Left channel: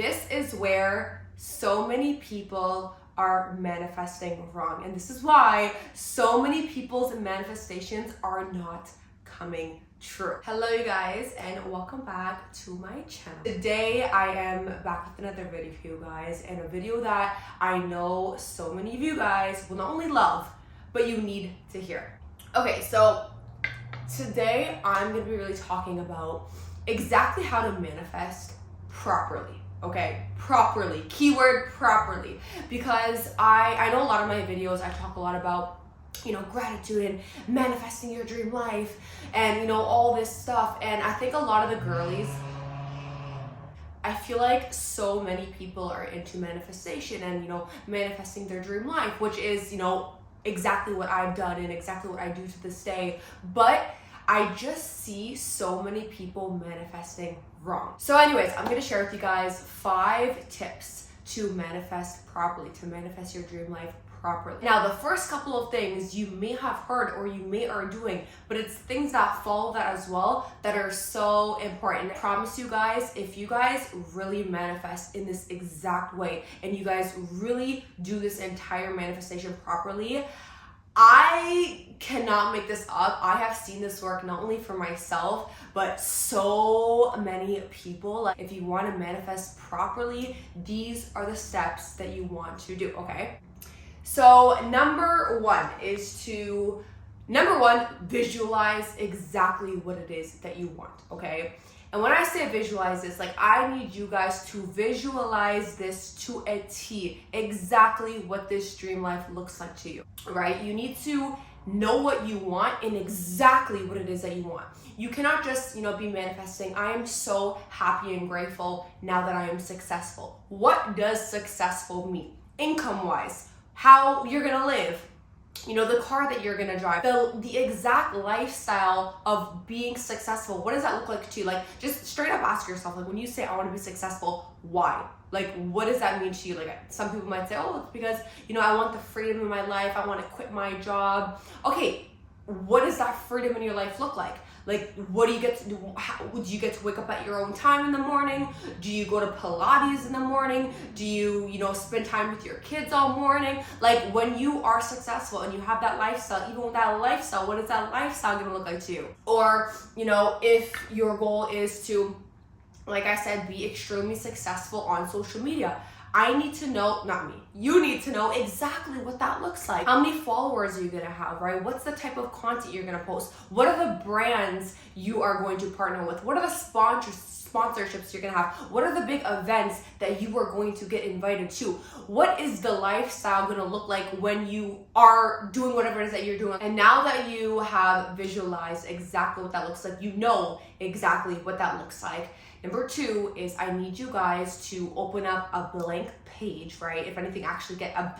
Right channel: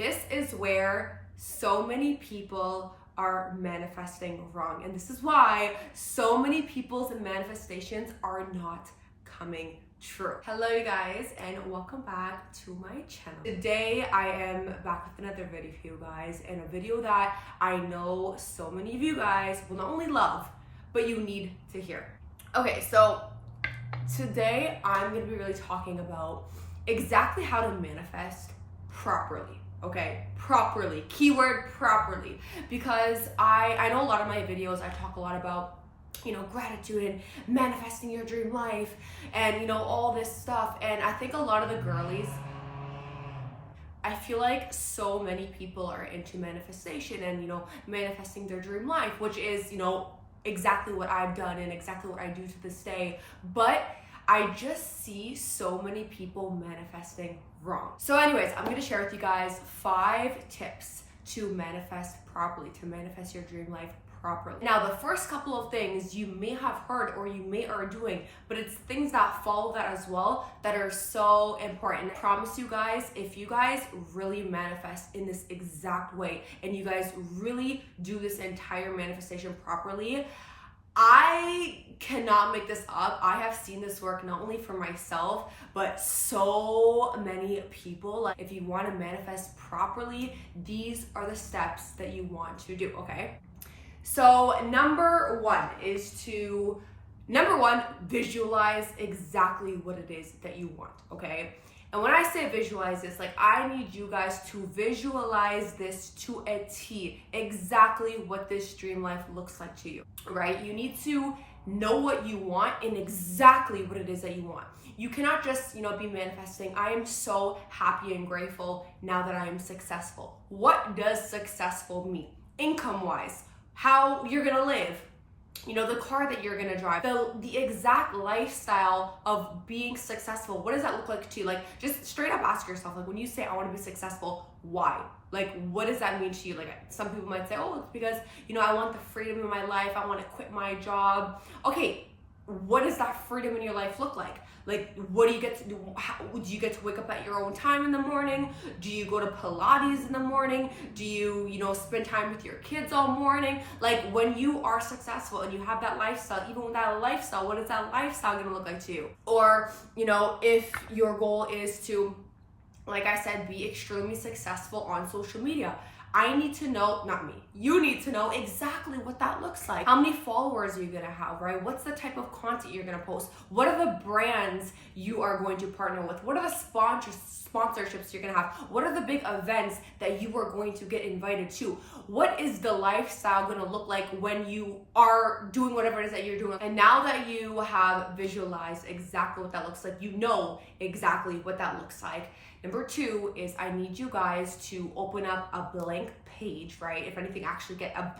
This is where so many people are manifesting wrong. And this is why so many people's manifestations are not coming true. Hello you guys, and welcome back to my channel. Today I am back with another video for you guys, and a video that I know so many of you guys will not only love, but you need to hear. Okay, so today I'm gonna be really talking about exactly how to manifest properly. Okay, properly, keyword properly, because I know a lot of my videos I talk a lot about, you know, gratitude and manifesting your dream life and, you know, all this stuff. And I think a lot of the girlies, I feel like so many people are into manifestation and, you know, manifesting their dream life, which is, you know, exactly what I've done and exactly what I do to this day. But I just see so many people manifesting wrong. So anyways, I'm gonna share with you guys 5 tips to manifest properly, to manifest your dream life properly. Now, the first couple of things you may have heard or you may are doing, but it's things that follow that as well that are so important. I promise you guys, if you guys really manifest in this exact way and you guys really do this entire manifestation properly, I cannot make this up. I have seen this work not only for myself, but so many people. Like, if you want to manifest properly, these are the steps that you want to do, okay? So number one, visualize exactly what it is that you want, okay? And when I say visualize this, like, I need you guys to visualize this to a T, exactly what this dream life looks like to you, right? You need to know what you want and exactly what it is that you want. You cannot just, you know, be manifesting, I am so happy and grateful now that I am successful. What does successful mean? Income-wise, how you're gonna live, you know, the car that you're gonna drive, the exact lifestyle of being successful. What does that look like to you? Like, just straight up ask yourself, like, when you say I want to be successful, why? Like, what does that mean to you? Like, some people might say, oh, it's because, you know, I want the freedom in my life, I want to quit my job. Okay, what does that freedom in your life look like? Like, what do you get to do? Do you get to wake up at your own time in the morning? Do you go to Pilates in the morning? Do you, you know, spend time with your kids all morning? Like, when you are successful and you have that lifestyle, even with that lifestyle, what is that lifestyle gonna look like to you? Or, you know, if your goal is to, like I said, be extremely successful on social media, I need to know, not me, you need to know exactly what that looks like. How many followers are you gonna have, right? What's the type of content you're gonna post? What are the brands you are going to partner with? What are the sponsorships you're gonna have? What are the big events that you are going to get invited to? What is the lifestyle gonna look like when you are doing whatever it is that you're doing? And now that you have visualized exactly what that looks like, you know exactly what that looks like. Number 2 is I need you guys to open up a blank page, right? If anything, actually get a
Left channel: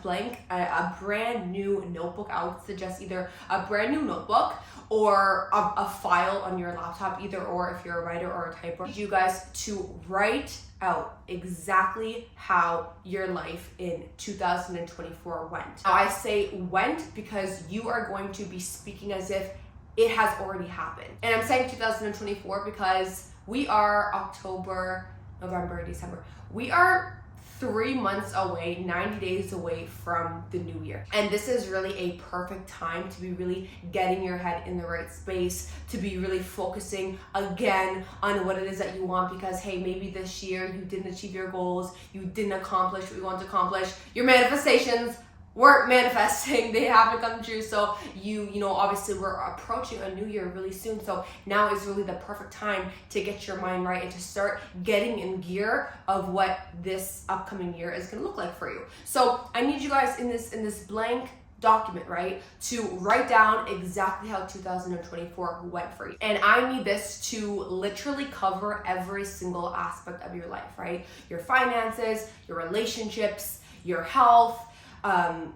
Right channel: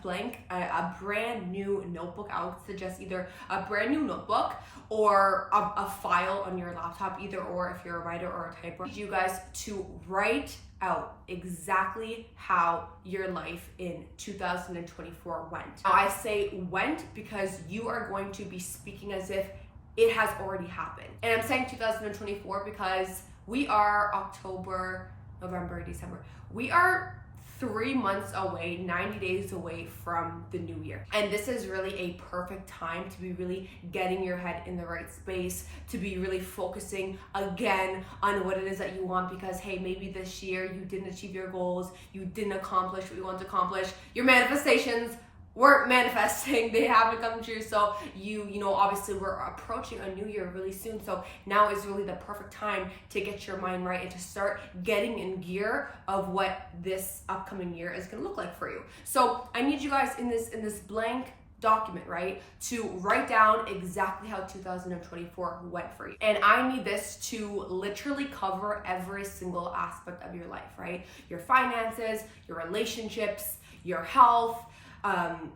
brand new notebook. I would suggest either a brand new notebook or a file on your laptop, either or, if you're a writer or a typer. I need you guys to write out exactly how your life in 2024 went. Now, I say went because you are going to be speaking as if it has already happened. And I'm saying 2024 because we are October, November, December. We are 3 months away, 90 days away from the new year. And this is really a perfect time to be really getting your head in the right space, to be really focusing again on what it is that you want, because hey, maybe this year you didn't achieve your goals, you didn't accomplish what you want to accomplish, your manifestations weren't manifesting, they haven't come true. So you know, obviously we're approaching a new year really soon. So now is really the perfect time to get your mind right and to start getting in gear of what this upcoming year is gonna look like for you. So I need you guys in this blank document, right, to write down exactly how 2024 went for you. And I need this to literally cover every single aspect of your life, right? Your finances, your relationships, your health,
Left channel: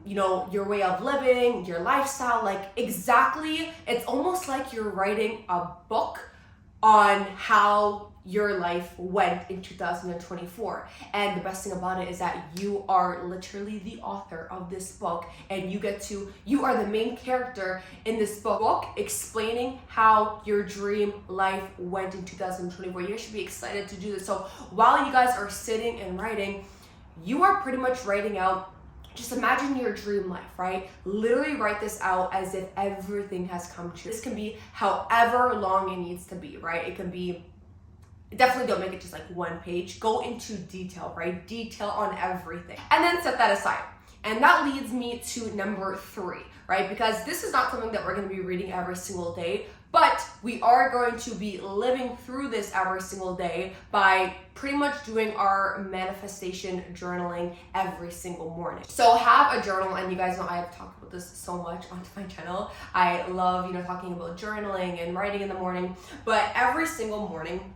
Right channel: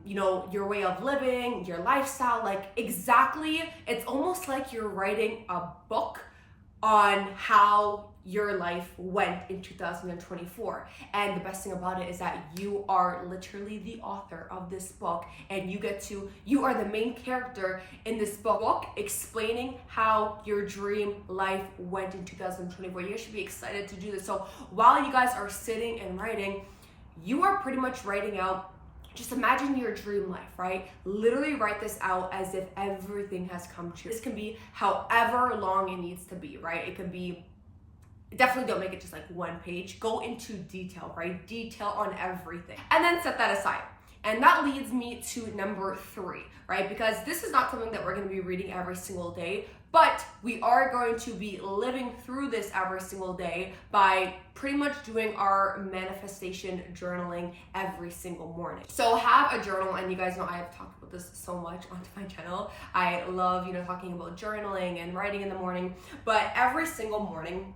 you know, your way of living, your lifestyle, like exactly, it's almost like you're writing a book on how your life went in 2024. And the best thing about it is that you are literally the author of this book, and you are the main character in this book explaining how your dream life went in 2024. You guys should be excited to do this. So while you guys are sitting and writing, you are pretty much writing out, just imagine your dream life, right? Literally write this out as if everything has come true. This can be however long it needs to be, right? It can be, definitely don't make it just like one page. Go into detail, right? Detail on everything. And then set that aside. And that leads me to number 3, right? Because this is not something that we're going to be reading every single day, but we are going to be living through this every single day by pretty much doing our manifestation journaling every single morning. So have a journal, and you guys know I have talked about this so much on my channel. I love, talking about journaling and writing in the morning, but every single morning,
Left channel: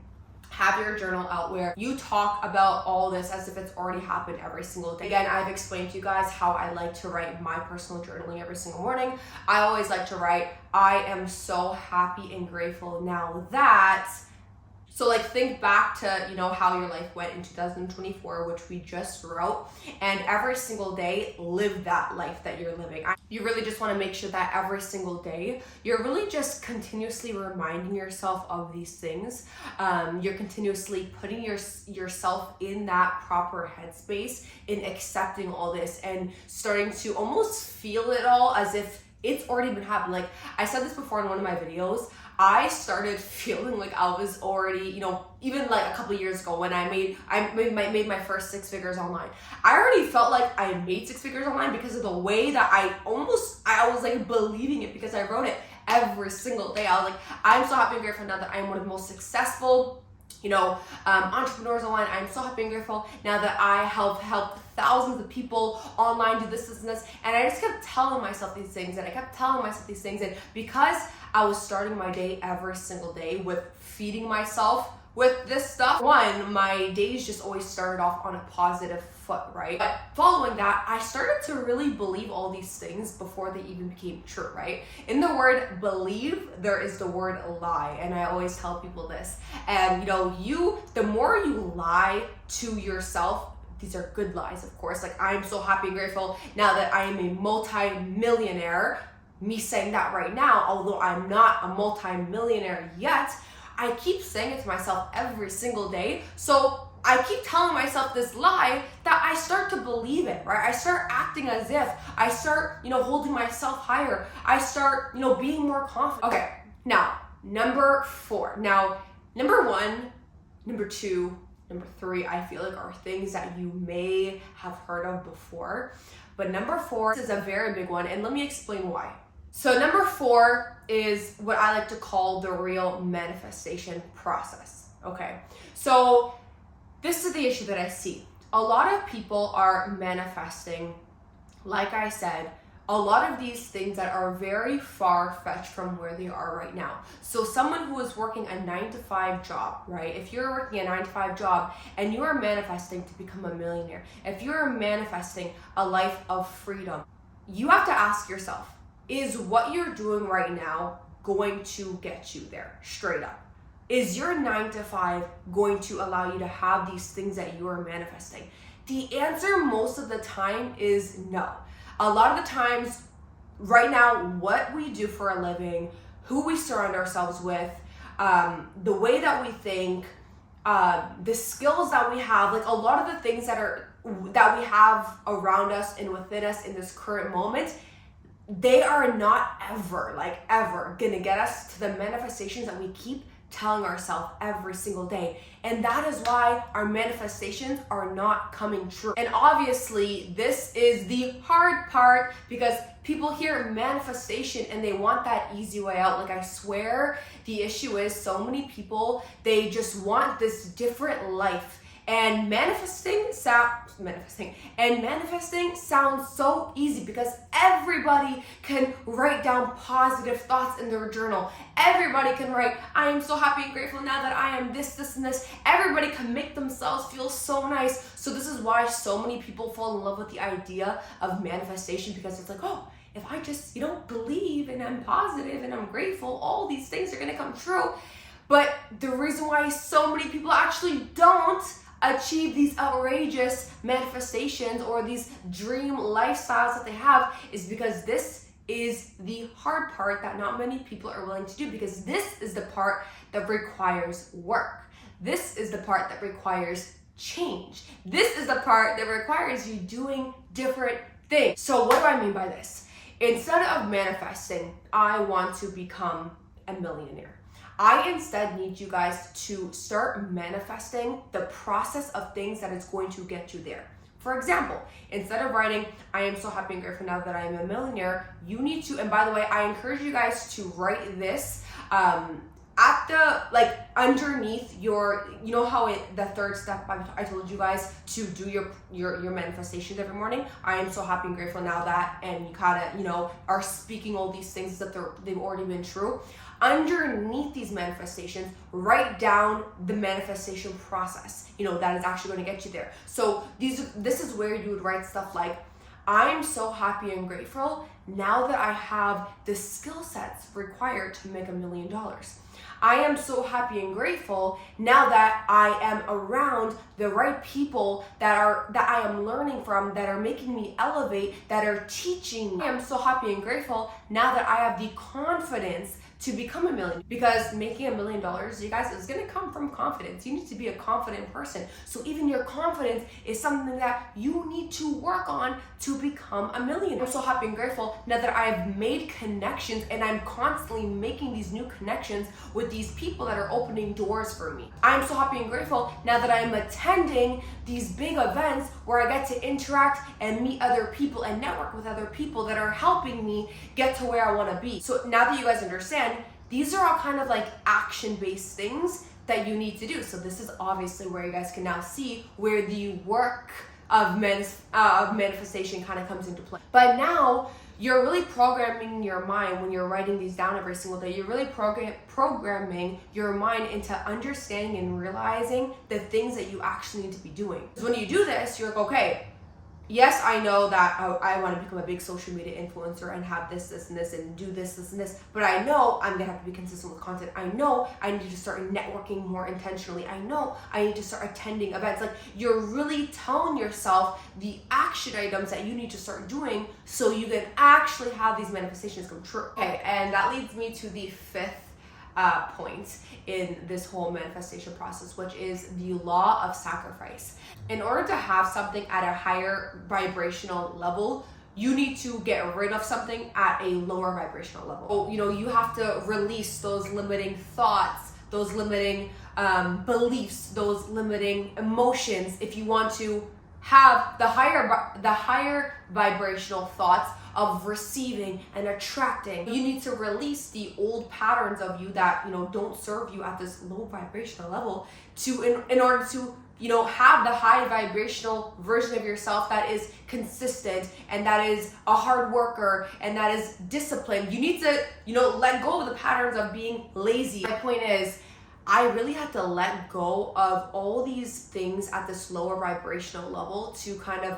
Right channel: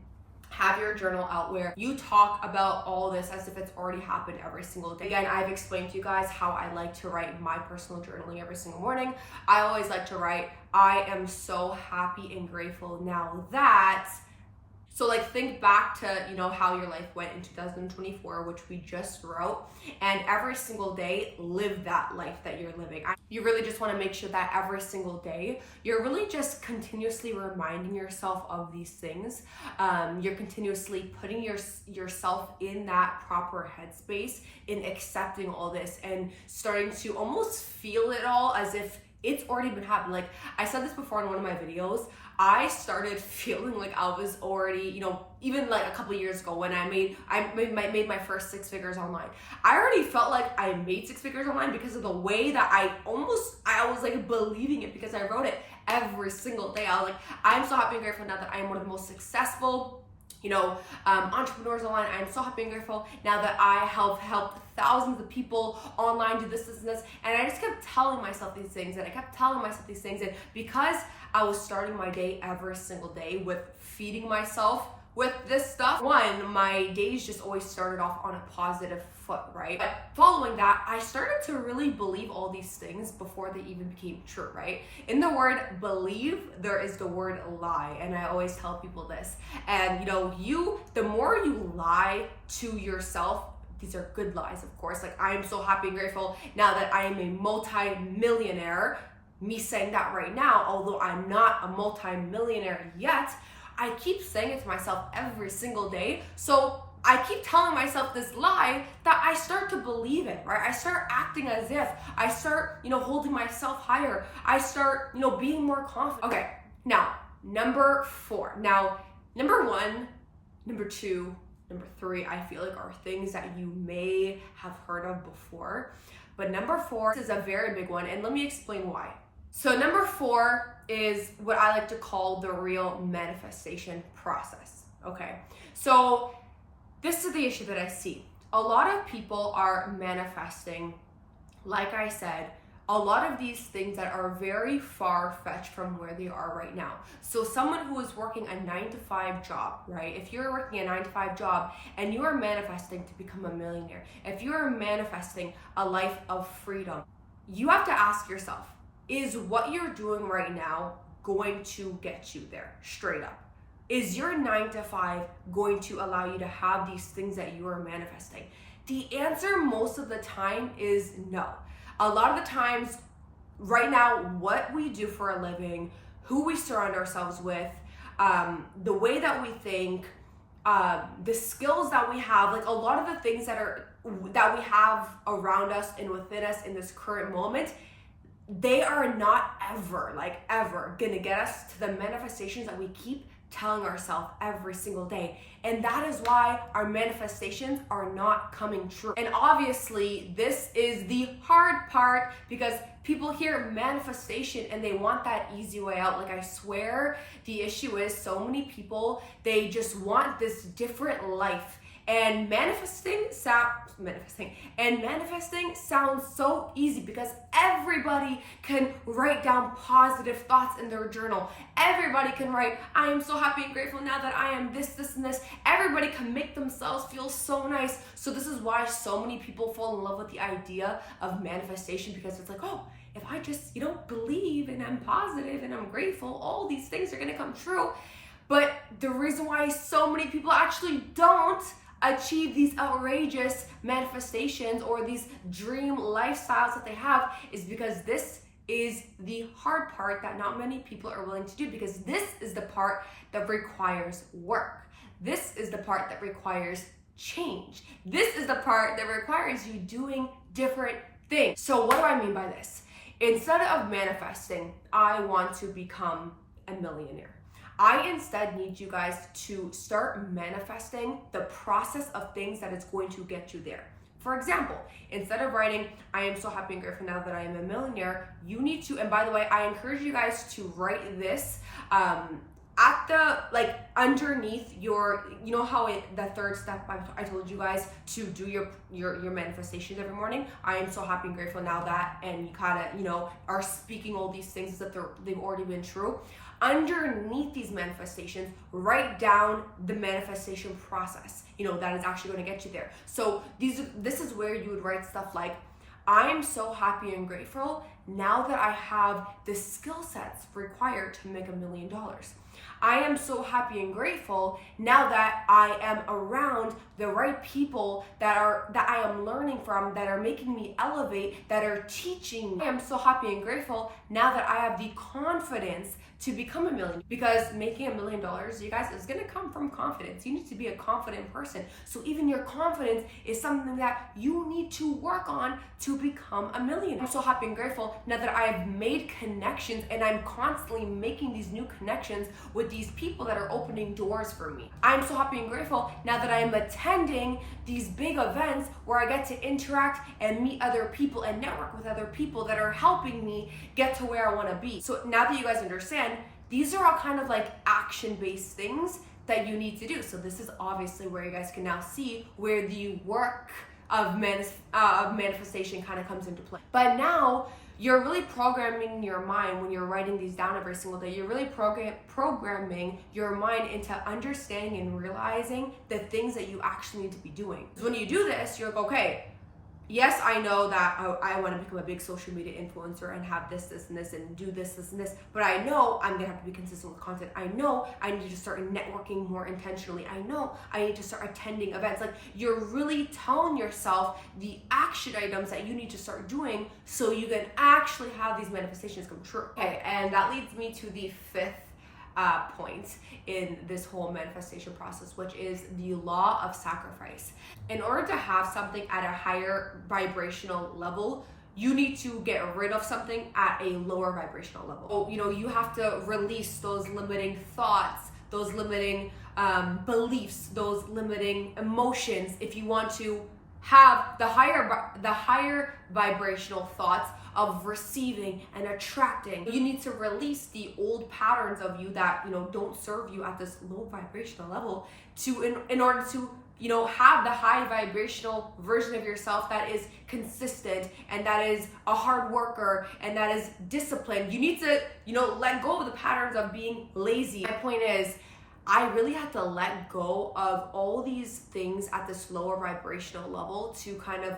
have your journal out where you talk about all this as if it's already happened every single day. Again, I've explained to you guys how I like to write my personal journaling every single morning. I always like to write, I am so happy and grateful now that. So like think back to, how your life went in 2024, which we just wrote, and every single day, live that life that you're living. You really just want to make sure that every single day, you're really just continuously reminding yourself of these things. You're continuously putting yourself in that proper headspace in accepting all this and starting to almost feel it all as if it's already been happening. Like I said this before in one of my videos, I started feeling like I was already, even like a couple of years ago when I made my first 6 figures online. I already felt like I made 6 figures online because of the way that I was like believing it, because I wrote it every single day. I was like, I'm so happy and grateful now that I'm one of the most successful entrepreneurs online. I'm so happy and grateful now that I helped thousands of people online do this, and this. And I just kept telling myself these things, and because I was starting my day every single day with feeding myself with this stuff, my days just always started off on a positive foot, right? But following that, I started to really believe all these things before they even became true, right? In the word believe, there is the word lie. And I always tell people this. And the more you lie to yourself, these are good lies, of course. Like, I'm so happy and grateful now that I am a multi-millionaire. Me saying that right now, although I'm not a multi-millionaire yet, I keep saying it to myself every single day. So I keep telling myself this lie that I start to believe it, right? I start acting as if. I start, holding myself higher. I start, being more confident. Okay, now, number 4. Now, number 1, number 2, number 3, I feel like are things that you may have heard of before. But number 4 is a very big one, and let me explain why. So number 4 is what I like to call the real manifestation process, okay? So this is the issue that I see. A lot of people are manifesting, like I said, a lot of these things that are very far-fetched from where they are right now. So someone who is working a 9-to-5 job, right? If you're working a 9-to-5 job and you are manifesting to become a millionaire, if you're manifesting a life of freedom, you have to ask yourself, is what you're doing right now going to get you there? Straight up. Is your 9-to-5 going to allow you to have these things that you are manifesting? The answer most of the time is no. A lot of the times, right now, what we do for a living, who we surround ourselves with, the way that we think, the skills that we have, like a lot of the things that we have around us and within us in this current moment, they are not ever gonna get us to the manifestations that we keep telling ourselves every single day. And that is why our manifestations are not coming true. And obviously, this is the hard part, because people hear manifestation and they want that easy way out. Like, I swear the issue is so many people, they just want this different life. And manifesting sounds so easy because everybody can write down positive thoughts in their journal. Everybody can write, I am so happy and grateful now that I am this, this, and this. Everybody can make themselves feel so nice. So this is why so many people fall in love with the idea of manifestation, because it's like, oh, if I just, believe and I'm positive and I'm grateful, all these things are gonna come true. But the reason why so many people actually don't achieve these outrageous manifestations or these dream lifestyles that they have is because this is the hard part that not many people are willing to do, because this is the part that requires work. This is the part that requires change. This is the part that requires you doing different things. So what do I mean by this? Instead of manifesting, I want to become a millionaire, I instead need you guys to start manifesting the process of things that is going to get you there. For example, instead of writing, I am so happy and grateful now that I am a millionaire, you need to, and by the way, I encourage you guys to write this at the, like, underneath your, you know how the third step I told you guys to do your manifestations every morning. I am so happy and grateful now that, and you kind of, you know, are speaking all these things that they've already been true. Underneath these manifestations, write down the manifestation process, you know, that is actually going to get you there. So this is where you would write stuff like, I'm so happy and grateful now that I have the skill sets required to make $1 million. I am so happy and grateful now that I am around the right people that I am learning from, that are making me elevate, that are teaching me. I am so happy and grateful now that I have the confidence to become a millionaire, because making $1 million, you guys, is going to come from confidence. You need to be a confident person. So even your confidence is something that you need to work on to become a millionaire. I'm so happy and grateful now that I have made connections, and I'm constantly making these new connections with these people that are opening doors for me. I'm so happy and grateful now that I am attending these big events where I get to interact and meet other people and network with other people that are helping me get to where I want to be. So now that you guys understand, these are all kind of like action-based things that you need to do. So this is obviously where you guys can now see where the work of manifestation kind of comes into play. But now you're really programming your mind when you're writing these down every single day. You're really programming your mind into understanding and realizing the things that you actually need to be doing. Because when you do this, you're like, okay, yes, I know that I want to become a big social media influencer and have this, and this, and do this, and this, but I know I'm going to have to be consistent with content. I know I need to start networking more intentionally. I know I need to start attending events. Like, you're really telling yourself the action items that you need to start doing so you can actually have these manifestations come true. Okay, and that leads me to the fifth point in this whole manifestation process, which is the law of sacrifice. In order to have something at a higher vibrational level, you need to get rid of something at a lower vibrational level. So, you know, you have to release those limiting thoughts, those limiting beliefs, those limiting emotions if you want to have the higher vibrational thoughts of receiving and attracting. You need to release the old patterns of you that, you know, don't serve you at this low vibrational level in order to, you know, have the high vibrational version of yourself that is consistent and that is a hard worker and that is disciplined. You need to, you know, let go of the patterns of being lazy. My point is, I really had to let go of all these things at this lower vibrational level to kind of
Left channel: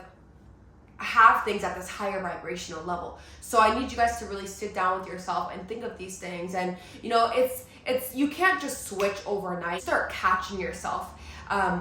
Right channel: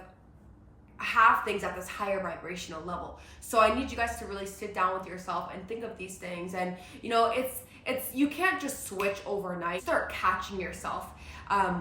have things at this higher vibrational level. So I need you guys to really sit down with yourself and think of these things. And, you know, it's you can't just switch overnight. Start catching yourself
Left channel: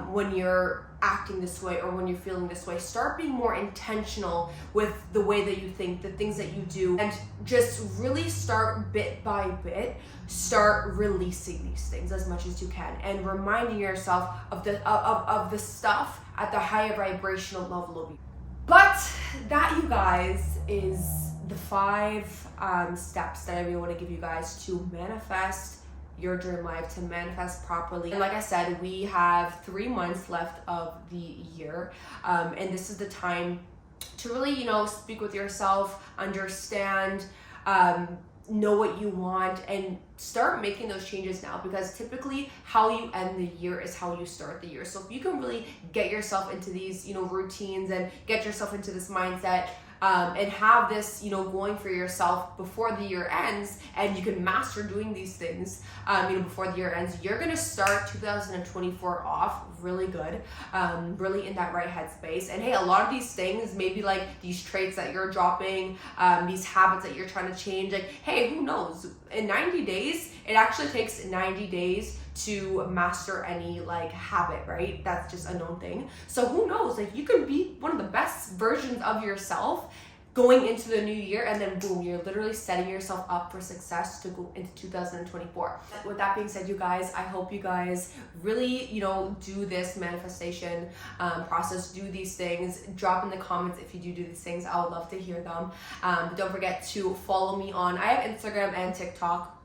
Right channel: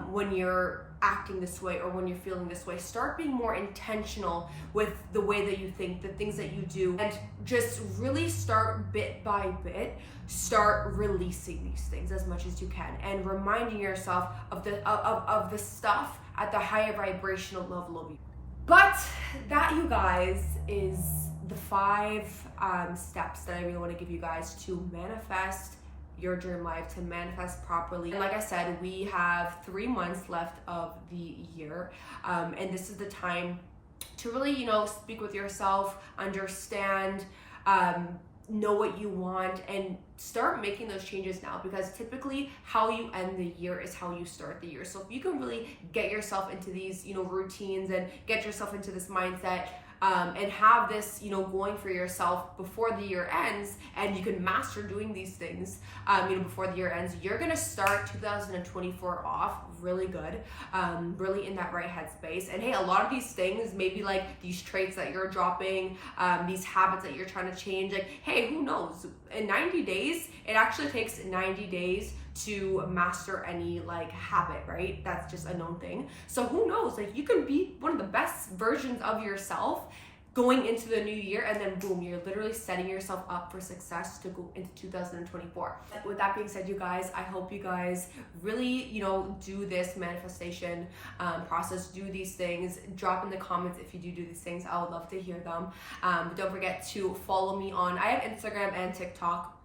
when you're acting this way or when you're feeling this way. Start being more intentional with the way that you think, the things that you do, and just really start bit by bit, start releasing these things as much as you can and reminding yourself of the stuff at the higher vibrational level of you. But that, you guys, is the 5 steps that I really want to give you guys to manifest your dream life, to manifest properly. And like I said, we have 3 months left of the year, and this is the time to really, you know, speak with yourself, understand, know what you want, and start making those changes now, because typically how you end the year is how you start the year. So if you can really get yourself into these, you know, routines and get yourself into this mindset, and have this, going for yourself before the year ends, and you can master doing these things, before the year ends, you're gonna start 2024 off really good, really in that right headspace. And hey, a lot of these things, maybe like these traits that you're dropping, these habits that you're trying to change, like, hey, who knows? In 90 days, it actually takes 90 days to master any like habit, right? That's just a known thing. So who knows? Like, you can be one of the best versions of yourself going into the new year, and then boom, you're literally setting yourself up for success to go into 2024. With that being said, you guys, I hope you guys really, do this manifestation process, do these things. Drop in the comments if you do these things. I would love to hear them. But don't forget to follow me on, I have Instagram and TikTok.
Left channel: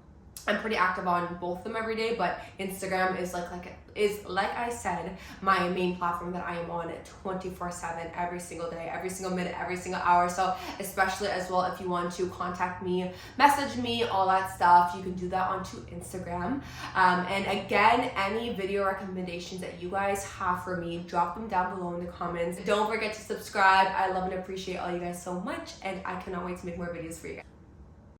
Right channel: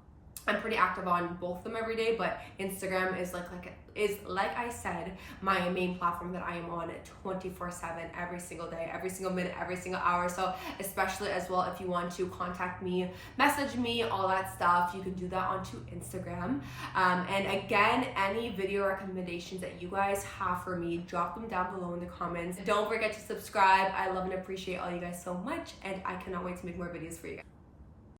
I'm pretty active on both of them every day, but Instagram is like I said, my main platform that I am on 24/7, every single day, every single minute, every single hour. So especially as well, if you want to contact me, message me, all that stuff, you can do that onto Instagram. And again, any video recommendations that you guys have for me, drop them down below in the comments. Don't forget to subscribe. I love and appreciate all you guys so much, and I cannot wait to make more videos for you guys.